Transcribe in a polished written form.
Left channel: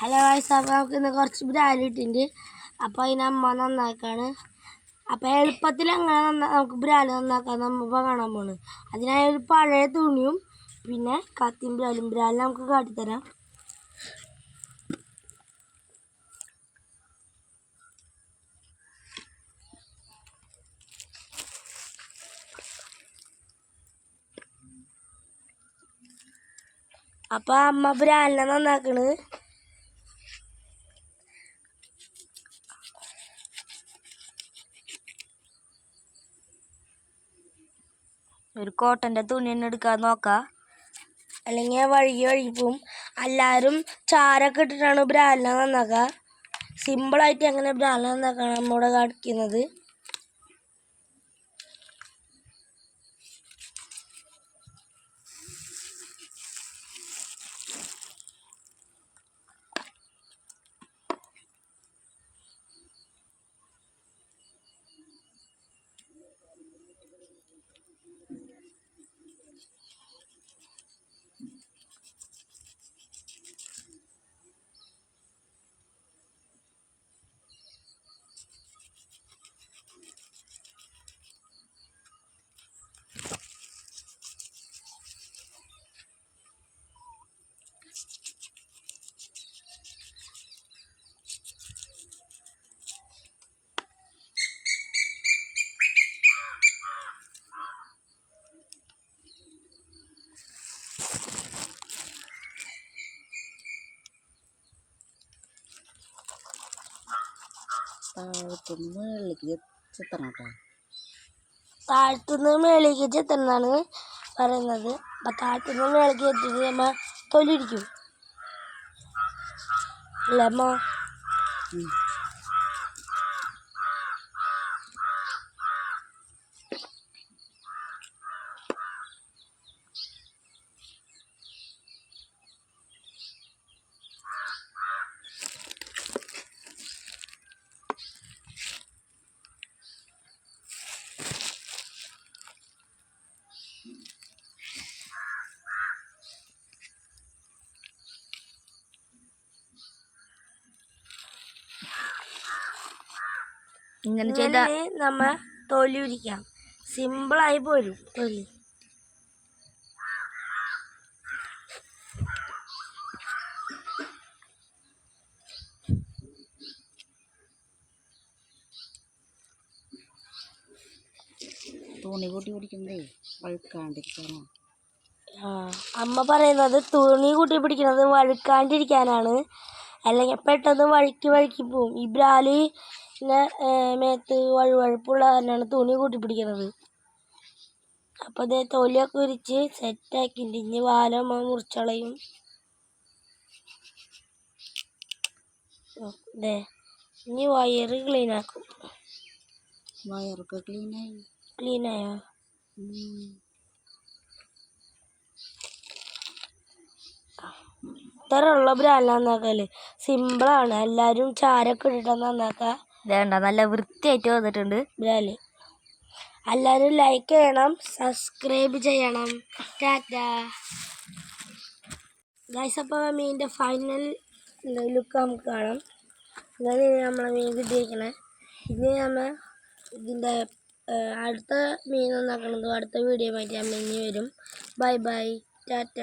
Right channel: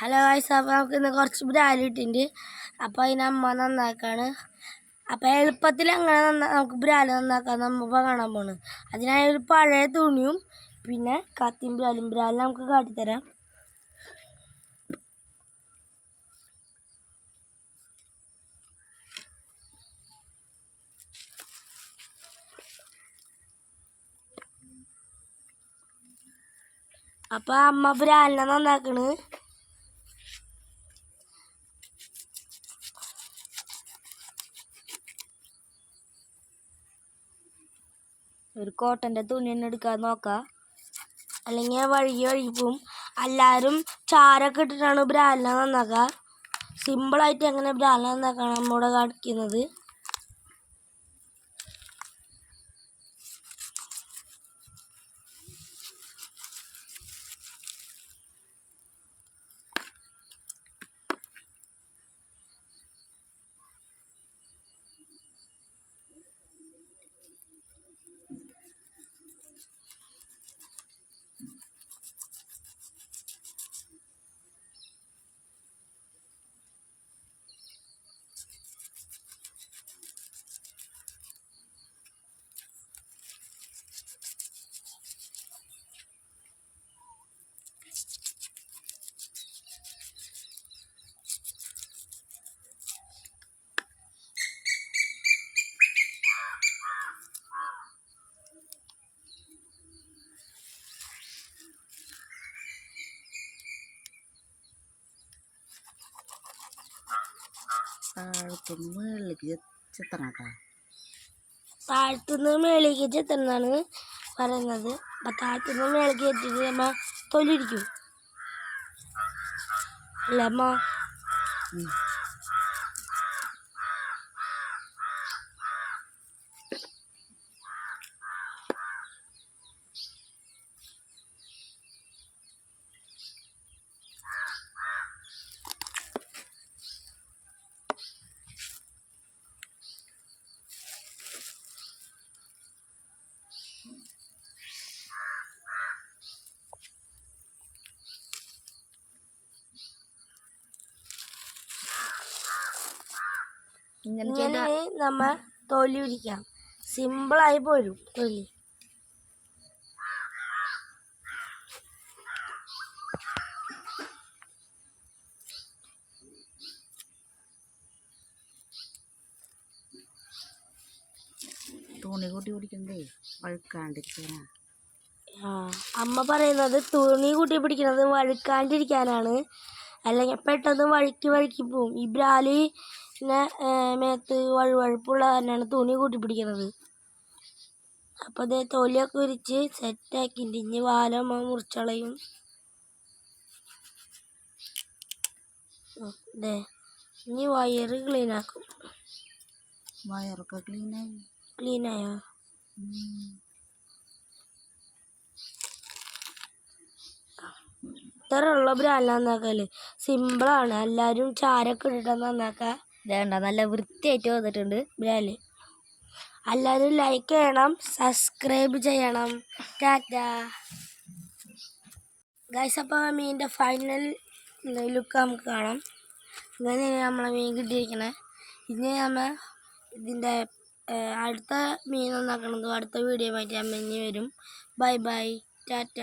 Hello guys, അപ്പോൾ നമുക്ക് ഇന്ന് കുറച്ച് ബ്രാൽ ഇട്ടിട്ടുണ്ട്. അപ്പോൾ അതിന് അമ്മ നന്നാക്കാണ്. അപ്പോൾ എളുപ്പത്തിൽ എങ്ങനെ നമുക്ക് ബ്രാൽ നന്നാക്കാൻ നമ്മ കാണാൻ പോണ്. അതിനായി ഒരു പഴയ തുണിയും പിന്നെ കത്തിയും ബ്രാൽ നമുക്ക് കാട്ടിത്തരാം. അപ്പോൾ അമ്മ ബ്രാലിനെ നന്നാക്കണ്. ഒരു കോട്ടൻ്റെ തുണി തന്നെ എടുക്കാൻ നോക്കാം, അല്ലെങ്കിൽ വഴുകി പോവും. എല്ലാവരും ചാരൊക്കെ ഇട്ടിട്ടാണ് ബ്രാലിനെ നന്നാക്കുക. സിമ്പിളായിട്ട് എങ്ങനെ ബ്രാലിനെ നന്നാക്കാണ് നമ്മളിവിടെ കാണിക്കുന്നത്. താഴത്തുനിന്ന് മേളിലേക്ക് ചെത്തണമെന്നാണ് പറയുന്നത്. അപ്പം താഴത്തുനിന്ന് മേളിലേക്ക് ചെത്തിട്ട് നമ്മൾ തൊലിരിക്കും അല്ലേ അമ്മ? ഇങ്ങനെ നമ്മ തൊലി ഉരിക്കാം. സിമ്പിളായി പോരും തൊലി. തുണി കൂട്ടി പിടിക്കുന്നതേ വഴുക്കാണ്ടിരിക്കാനാ. അമ്മ പറയുന്നത് തുണി കൂട്ടി പിടിക്കുന്നത് വഴുക്കാണ്ടിരിക്കാനാണ്, അല്ലെങ്കിൽ പെട്ടെന്ന് വഴുക്കി പോവും. ഈ ബ്രാലി പിന്നെ മേത്ത് വഴുവഴുപ്പുള്ള കാരണമാണ് തുണി കൂട്ടി പിടിക്കുന്നത്. അപ്പോൾ അതേ തൊലിയൊക്കെ ഉരിച്ച് സെറ്റാക്കിയിട്ട് ഇനി വാലം മുറിച്ചളയും. അതെ, ഇനി വയറ് ക്ലീനാക്കും. വയറൊക്കെ ക്ലീനായോ? ഇത്രയുള്ള ബ്രാൽ നന്നാക്കല് സിമ്പിളാണ്. എല്ലാവരും ചാരൊക്കെ ഇട്ടിട്ടാണ് നന്നാക്കുക. വേണ്ട, നല്ല വൃത്തിയായിട്ട് വന്നിട്ടുണ്ട് ബ്രാല്. എല്ലാവരും ലൈക്ക് ചെയ്യണം, സബ്സ്ക്രൈബ് ചെയ്യണം. ടാറ്റാ ഗൈസ്. അപ്പോൾ മീനിൻ്റെ ഫൈനൽ ലുക്ക് നമുക്ക് കാണാം. ഇങ്ങനെ നമ്മളെ മീൻ കിട്ടിയിരിക്കണേ. ഇനി നമ്മൾ ഇതിൻ്റെ അടുത്ത മീൻ നന്നാക്കണതും അടുത്ത വീഡിയോ ആയിട്ട് അമ്മ ഇനി വരും. Bye bye, Tata.